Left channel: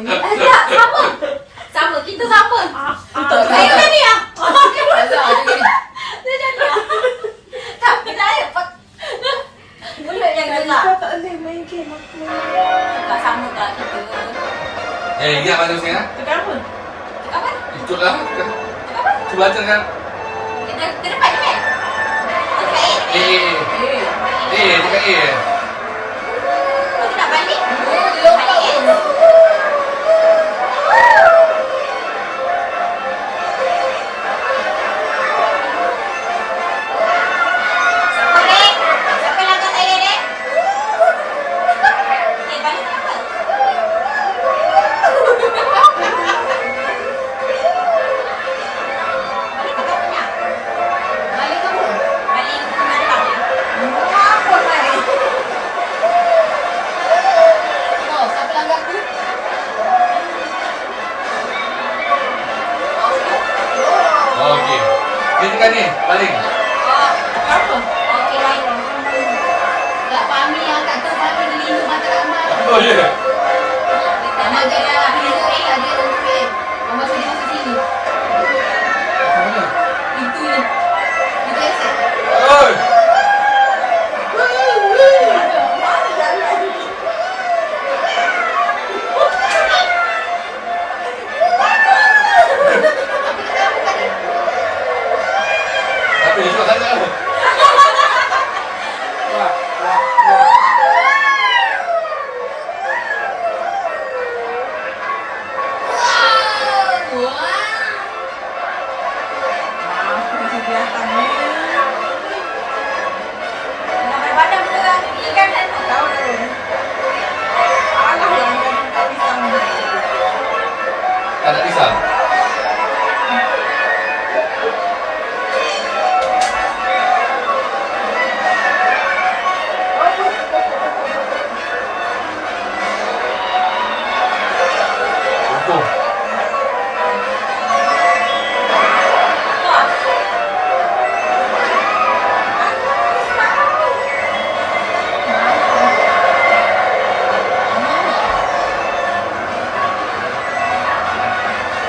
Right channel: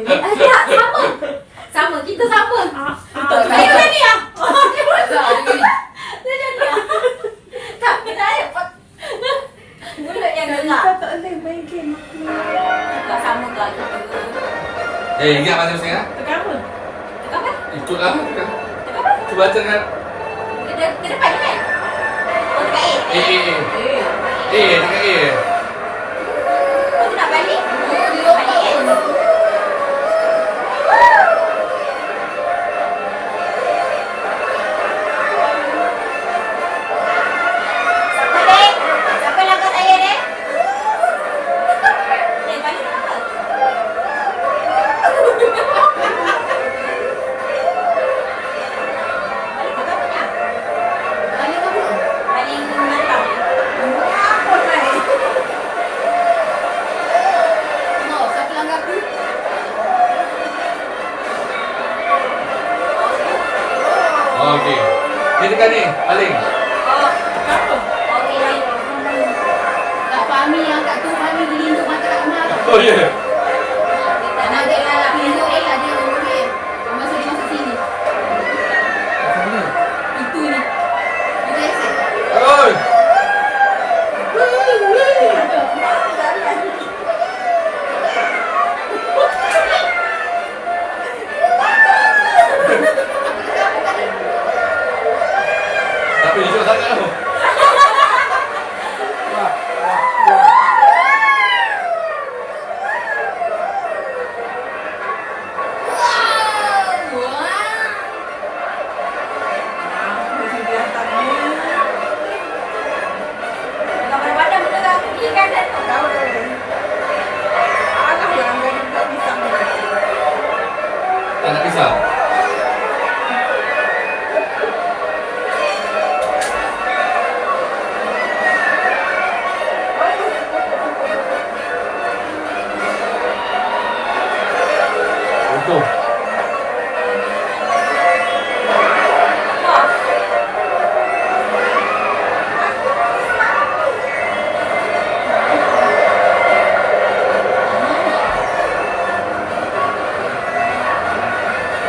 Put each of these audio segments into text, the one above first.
ini. Tak, sama. Sama, kita sama. Saya kena ni ah. Dia jadi ah. Tapi saya mulut yang gelap. Kau tak boleh main game aku. Tak sama tak kita. Ingat masa saya? Tekan apa? Tekan apa? Ikutlah. Tekan apa? Cuba tekan. Kita depan ni kan? Oh, tekan A. Tekan A. Oh, kita nak balik? Balik A. Siapa dek? Siapa yang langkah saya dek? Balik kenapa? Balik ke kau punya? Balik ke apa? Balik malam. Apa balik? Oh, siapa langkah aku? Okey. Dia tekan ni, paling. Oh, apa? Okey, baik. Tak Fahmi yang kat tu, Fahmi dilindung mata Rahmat tu. Oh ya. Tak nak dia nak Dilindung A lah, dia dilindung A. Masa dia masuk sini. Pintu ni. Dia biasa. Oi. Tapi esok sangat tu. Masih di atas ni. Bukan pada badan betul kan? Ikan dan tu. Tahu dah. Alah yang dia nampak pisang ni. Tak nak pisah. Untung.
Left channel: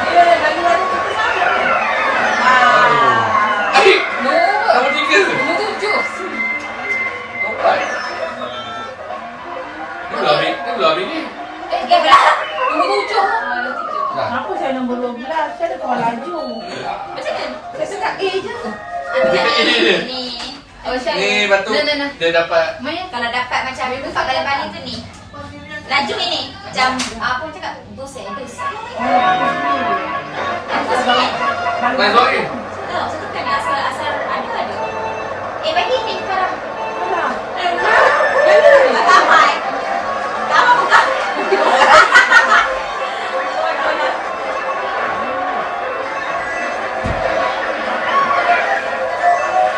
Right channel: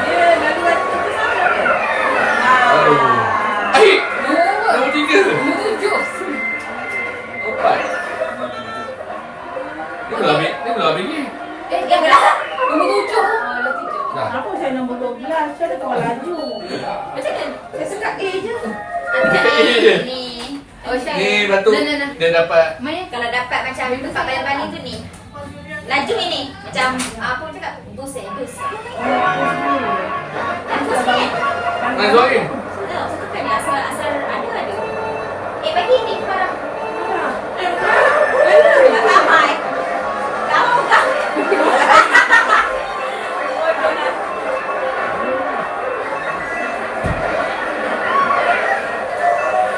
Dia lagi-lagi kita salah. Aik. Nombor 3. Nombor 7. Empat. Dia belum habis. Dia belum habis ni. Dia belah. Nombor 7. Dah. Kenapa saya nombor 12? Saya dah kawan laju. Macam mana? Saya sekat A je. Dekat A je. Ni. Oh, Syah. Ni batu. Nah. Dia dapat. Maya. Kalau dapat macam tempat baling-baling tu ni. Laju ini. Macam apa orang cakap? Dus. Dus kan? Main suara. Sudah, saya tekan ni asal ada. Bagi ni Farah. Tak ramai. Kamu bukan.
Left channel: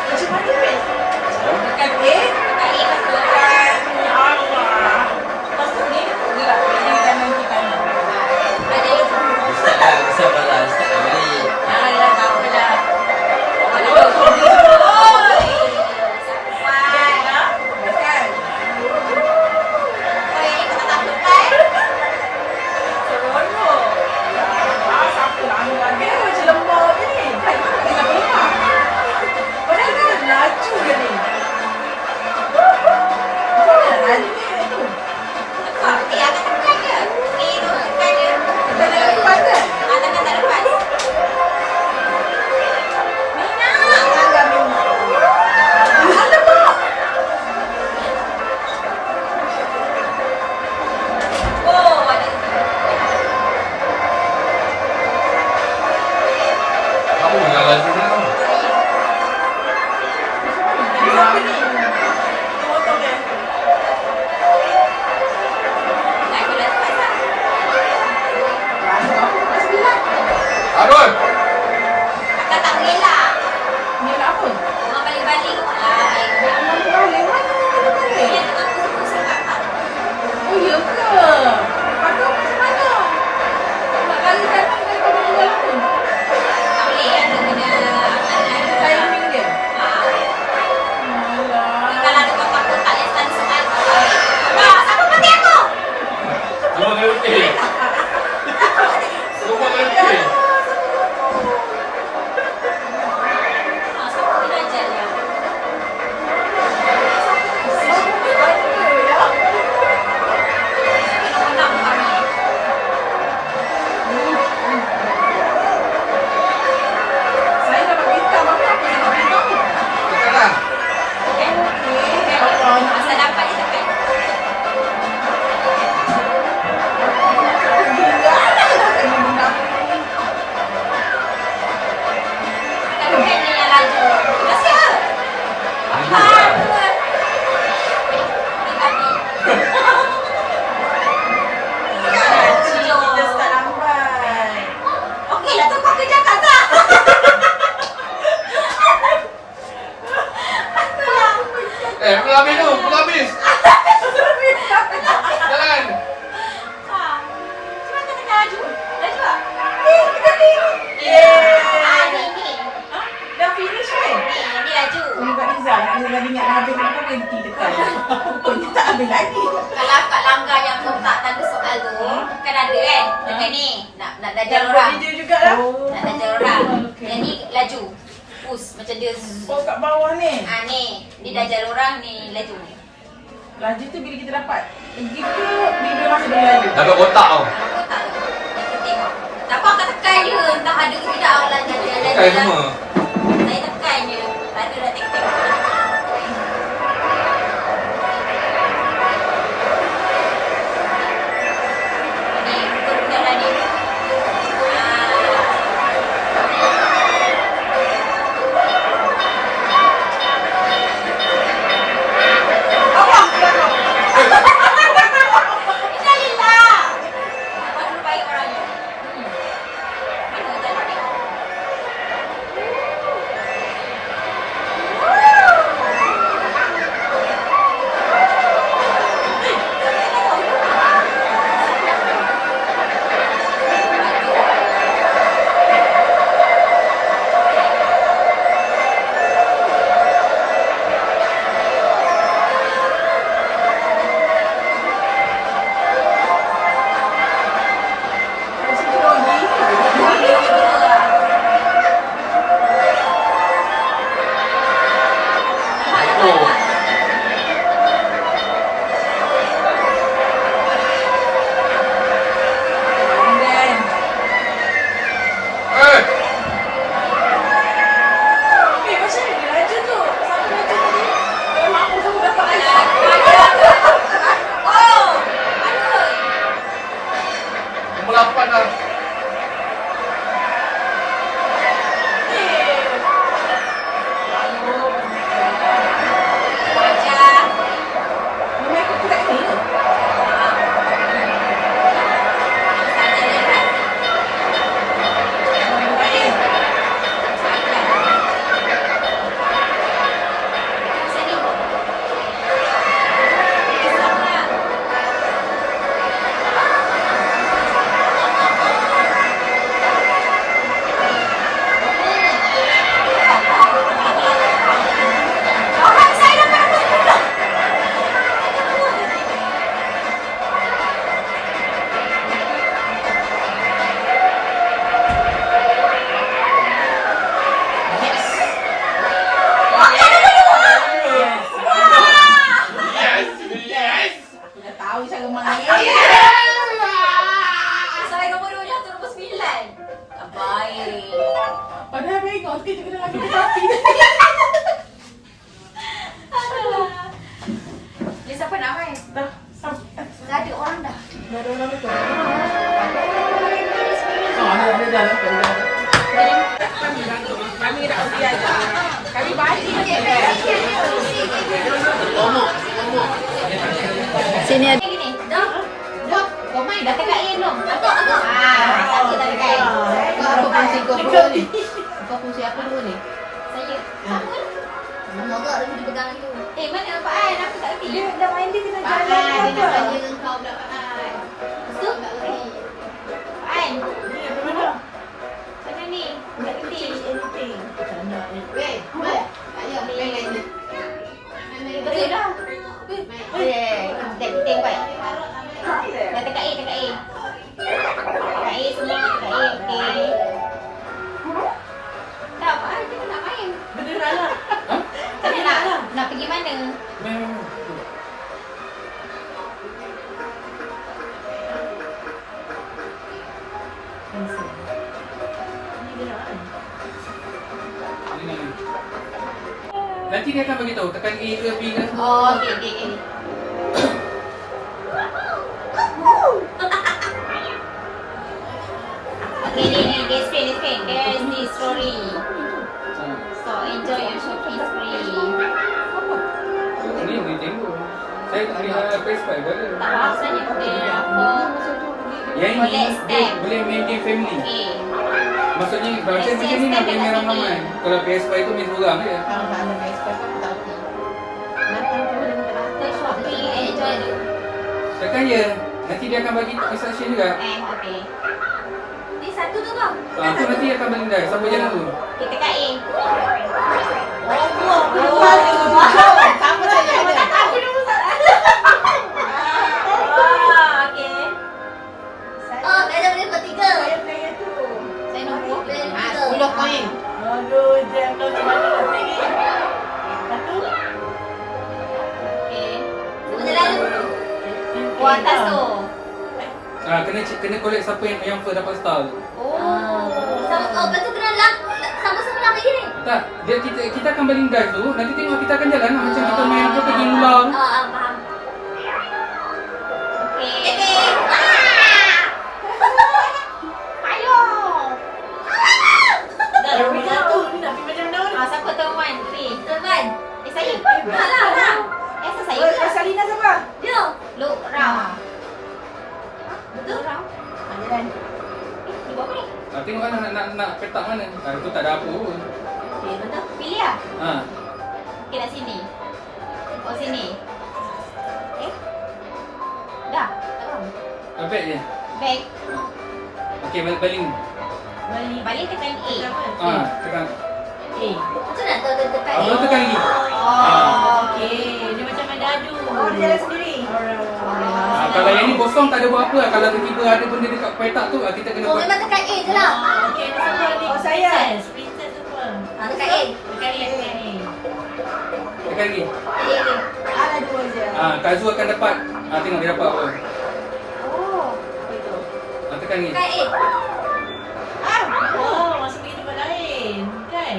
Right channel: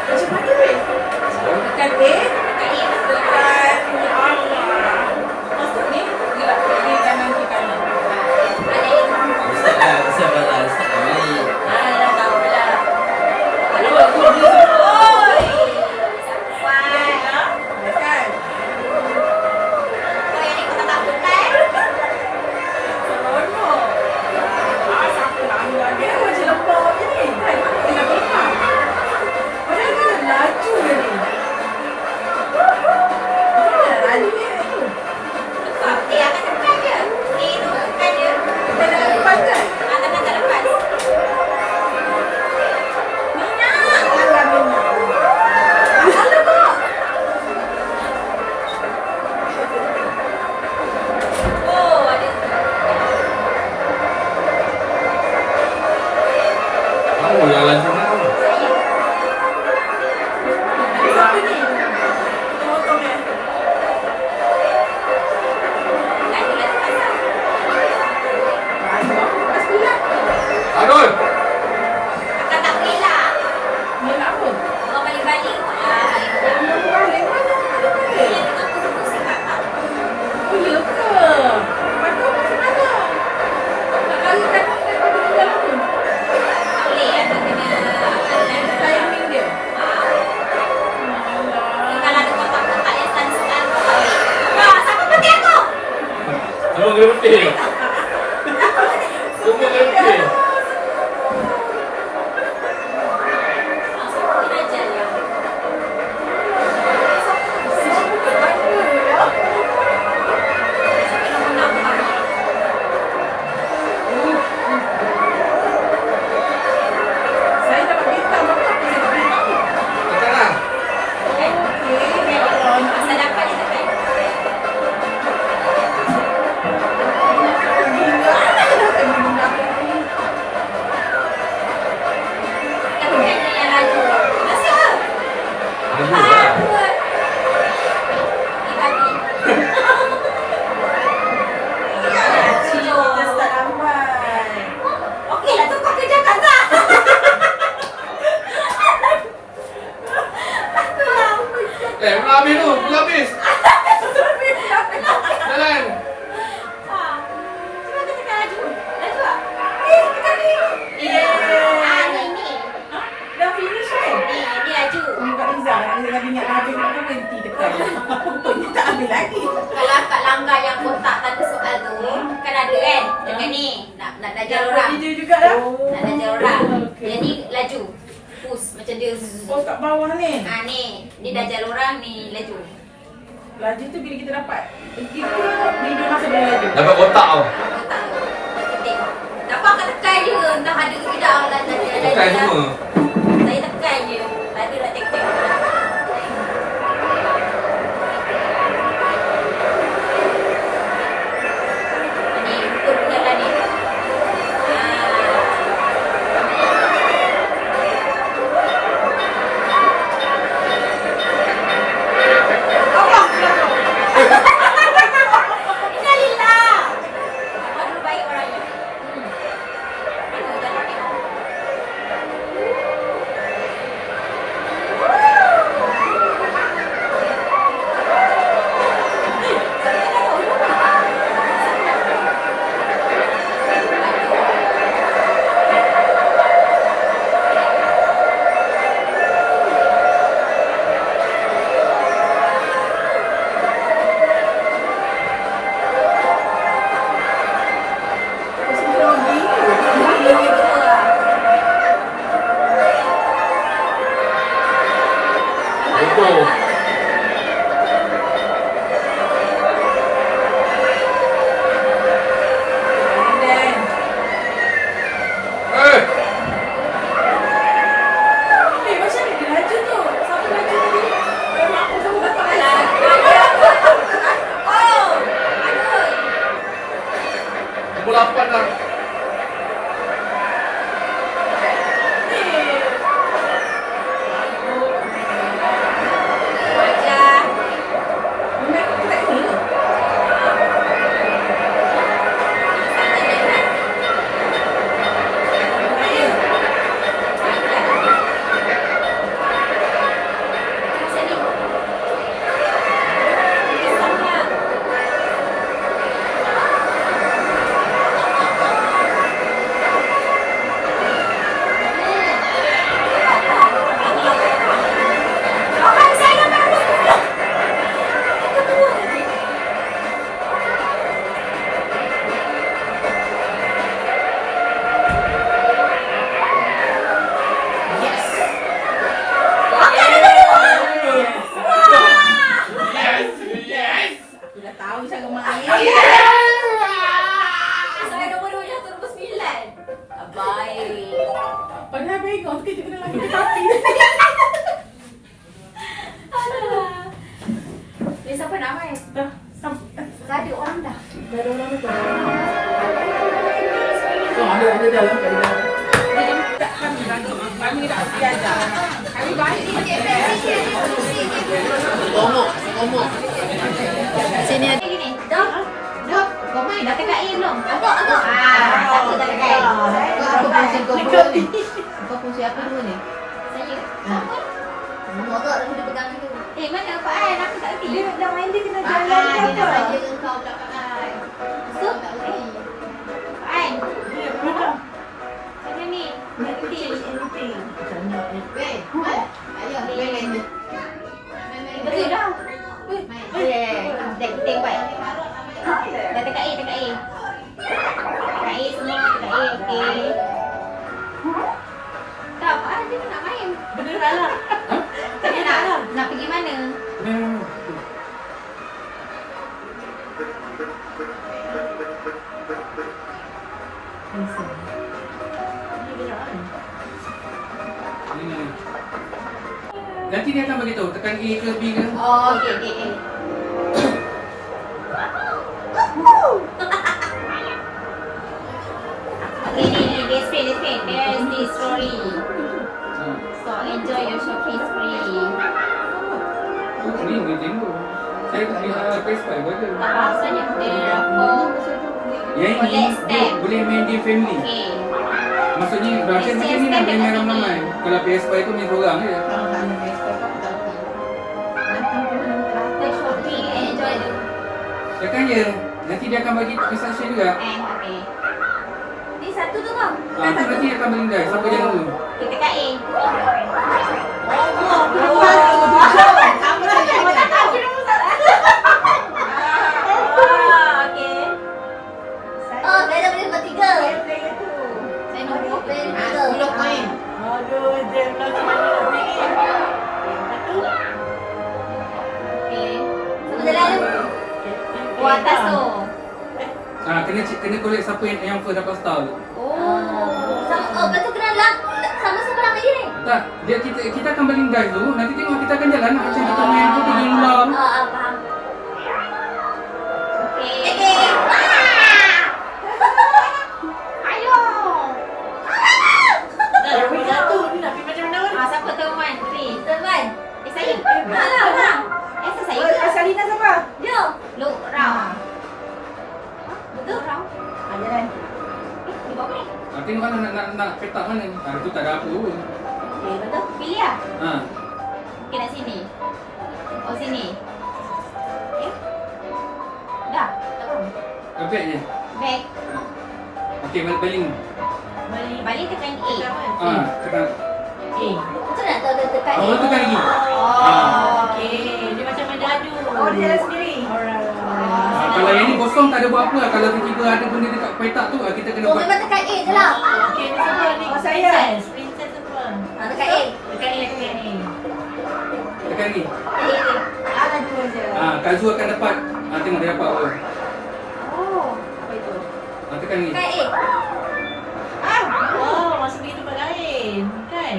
Macam mana ni? Tekan B. Tekan A lepas tu. Allah. Masuk ni. Dia kanan ke kanan. Ada yang Ustaz Bala, Ustaz Amali. dah tahu lah. Oi. Sampai. Tekan. Kau yang ni kau tak takut kan? Seronok. Siapa nak ambil lagi? Dia macam lembab je ni. Kan tak boleh lepas. Padahal dia dah laju je ni. Macam mana nak laju dia tu? Tekan. Akan tekan je. A tu tekan je. Kita nak lepas kan? Tekan tak lepas. Oh, dia tak ambil lagi. Kalau kat langgar yang kotak tanda soal tu, kan ada kan? Dekat ni, nak dajar Buat orang. video juga lah. Nak dajar orang. Okey. Yang ni laju. Push macam dia. Oh, kat bawah ni. Ni, dia dajar orang ni laju. Laju tu bila kita dapat pergi ke bila masa boleh laju? Dapat kotak tau. Dalam kotak tu. Yang penting. Dapat kat tekan je. Entah ada ke tidak. Tekan semua. Saya tekan je. Tak ada nak tek-tek. Ni, pukul benar dah ni. Allah, belakang. Innalillah. Buat dulu baik orangnya. Mana dalam ni? Betul. Dan Eh, macam ni dia laju tu. Siapa laju tadi? Mak aku sama dapat Alah, alas. oh, ada. pukul 8 lah. Wajar. Memang ikut dekat ni tu. Eh, Yes. aku dah tahu cara main. Saya nombor 2 jatuh nombor 9. Baik. Padahal baik kau kita kena lagi tapi. Ni siapa nak main? Dah, sampai. Dah ada orang dah. Dah ada orang tu. Ada dalam kat dalam. Kami nak pergi ajar. Kami balik. Sini ada gini. Dah. Dah. Kau main dah dekat air belum? Agak. Tak ada dekat air. Kau apa fungsi kau dulu ni? Kau fungsi apa dulu ni? Saya. Apa? Moga dah boleh pegang dulu. Mana Pak An? Aku tak reti. Dia dah main dia kena Pak jalan An, ke dia nak apa? tanya kau pula Pak An. Betul? Tak reti. Pak An. Dia ke mana? Mana ni? Tak reti. Weh, Mat. Ayo, main je. Betul dah. Dah kita baik. Dah dekat air, dekat air. Dekat air semua, dekat air. Okey. Tak, Pak An dia nak main. Beneran lah. Tapi nak pergi mana? Nanti dia akan beritahu tekan A ke B ke. Oh, okey. Okay, ni, dia explain. There is the story. So, enjoy your shopping spree. Ni Nintendo. Saya tak boleh PS5 ada. Tak faham saja. There are 4 Yang ini Collect dia stamp. boleh main game family. Okay. Maksudnya macam ni nak boleh main ramai-ramai. Kalau PS5 tu main seorang je. Kalau tak ada PS5 aku tak reti. After shopping, enjoy the... Tekan je. Nanti dia akan bagi instruction juga. Okay. Ni satu tu kau? Tu nanti akan berlindai. Siapa jalan tu? Kita kat A. Allah, aku dah Oh. tahu. Sama saja Awak ada. tak tahu. Aku nombor 1. Okey. Oh, kaya dah boleh dapat 3. Player tu. Saya nombor. Player Ah, 3. 10 koin. Aduh, jam kau macam mana nak pilih? Lepas tu, Okey. Semua jalan dulu. Oh, atas tu. Kena collect siapa yang first dapat star tu. Oh. Lepas tu kena sama-sama lang lagi ni. Tak, kita akan baling dive tu, nanti tengok kita akan jalan lah. Macam kita main apa pergi ular tu. Faham. Okey. Okay. Ayo. dah nombor 1 ni nak pergi macam mana? Ah, siapa tu Wan? Three. Tuan. Saya. Alah. Saya saya ke? Salina siapa? Dia. Look round. Betul. Look round. Jalan. Dia buat apa ni? Tengok lah nak petak mana. Tu tak ada apa pun. Okey, betul. Pilih lah. Ha. Okey, nak sini. Oh, sini. Okey. Dah. Tak faham. Baik je. Back. Okey, baling. Balik tekan A. Tekan. Betul nak tahu tekan ni? Oh, tekan lagi. Oh, Okey, dia macam main dadu. Oh, dia jalan sendiri. Alright. Kalau yang ni kosong tak ada buat apa lah. Kalau tiba-tiba ada benda dekat petak tu, kita kena Oh, buat. memang tekan A je lah. Okey, ni siapa ni? Oh, saya. Princess siapa? Tekan A. Tekan ni. Tekan lagi. Ada 2 je. Kak Zu akan dapat. Tengok dia dapat apa. Oh. Apa itu? Tekan lagi. Tekan A. Oh, masuk pergi tempat lain. Kan?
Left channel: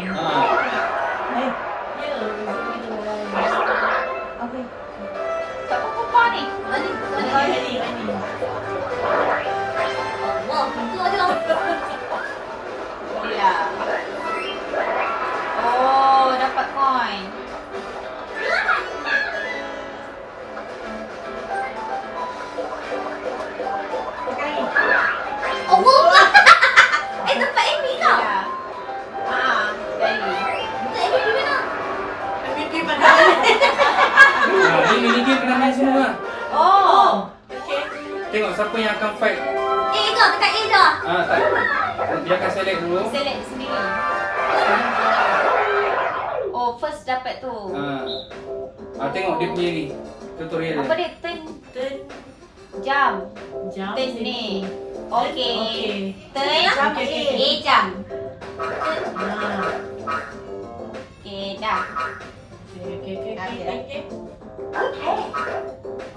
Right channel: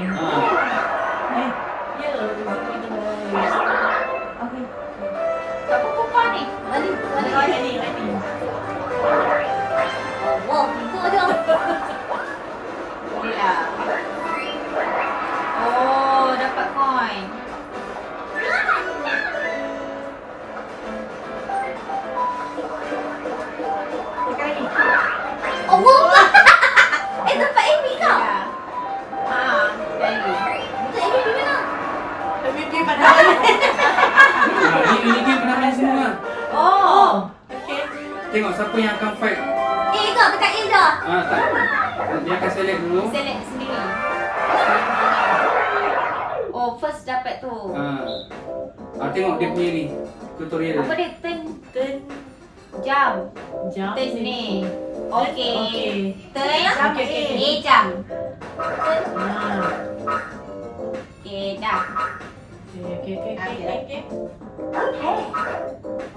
Ya, pergi tempat lain. Okey. Tak apa kumpah ni. Balik. Ini. Wah, itu aja. Boleh lah. Oh, dapat koin. Tekan lagi. Oh, wah. Tempat Amy kau. Ya. Sekali. Betul Amy di mana? Pergi mana? Ini game kena main semua. Oh. Okey. Tengok siapa yang akan fight. A kau, tekan A je. Tak. Dia akan select dulu. Select sendiri. Oh, first dapat tu. Tengok dia punya ni. Tutorial Apa dia. dia? Turn Turn. jam. Jam. Turn ni. Okey. Okey. Turn Okey. A jam. Ah. Okey, dah. Okey. Okay.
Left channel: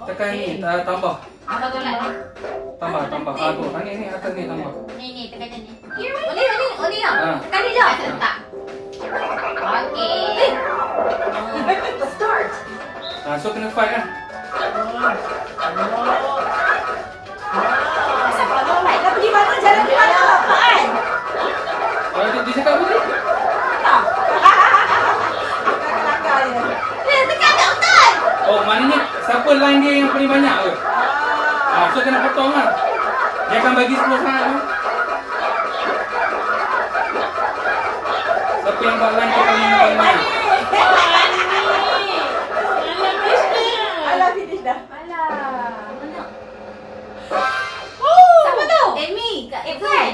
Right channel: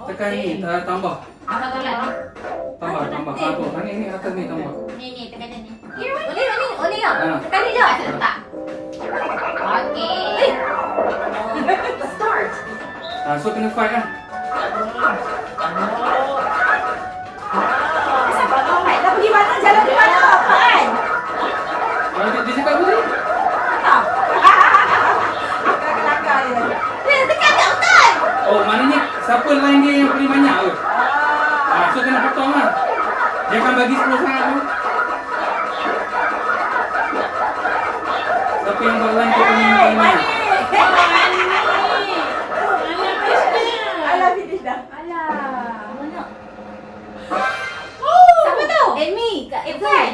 Tekan ni, tambah. Apa tolak ni? Tambah. Tu. Ni atas ni tambah. Ni tekan je ni. Oh ni ya. Tekan ni je. Tak letak. Okey. So kena fight lah. Asal kau nak pergi mana? Jalan ke mana? Apaan? Dia cakap apa tadi? Kelakar je. Tekan tak betul. Oh, maknanya siapa line dia yang paling banyak tu? So kena potong lah. Dia akan bagi 10 sangat tu. Siapa yang buat line tu paling banyak? Alah, finish dah. Alah. Mana? Siapa tu? Amy kat Irfan.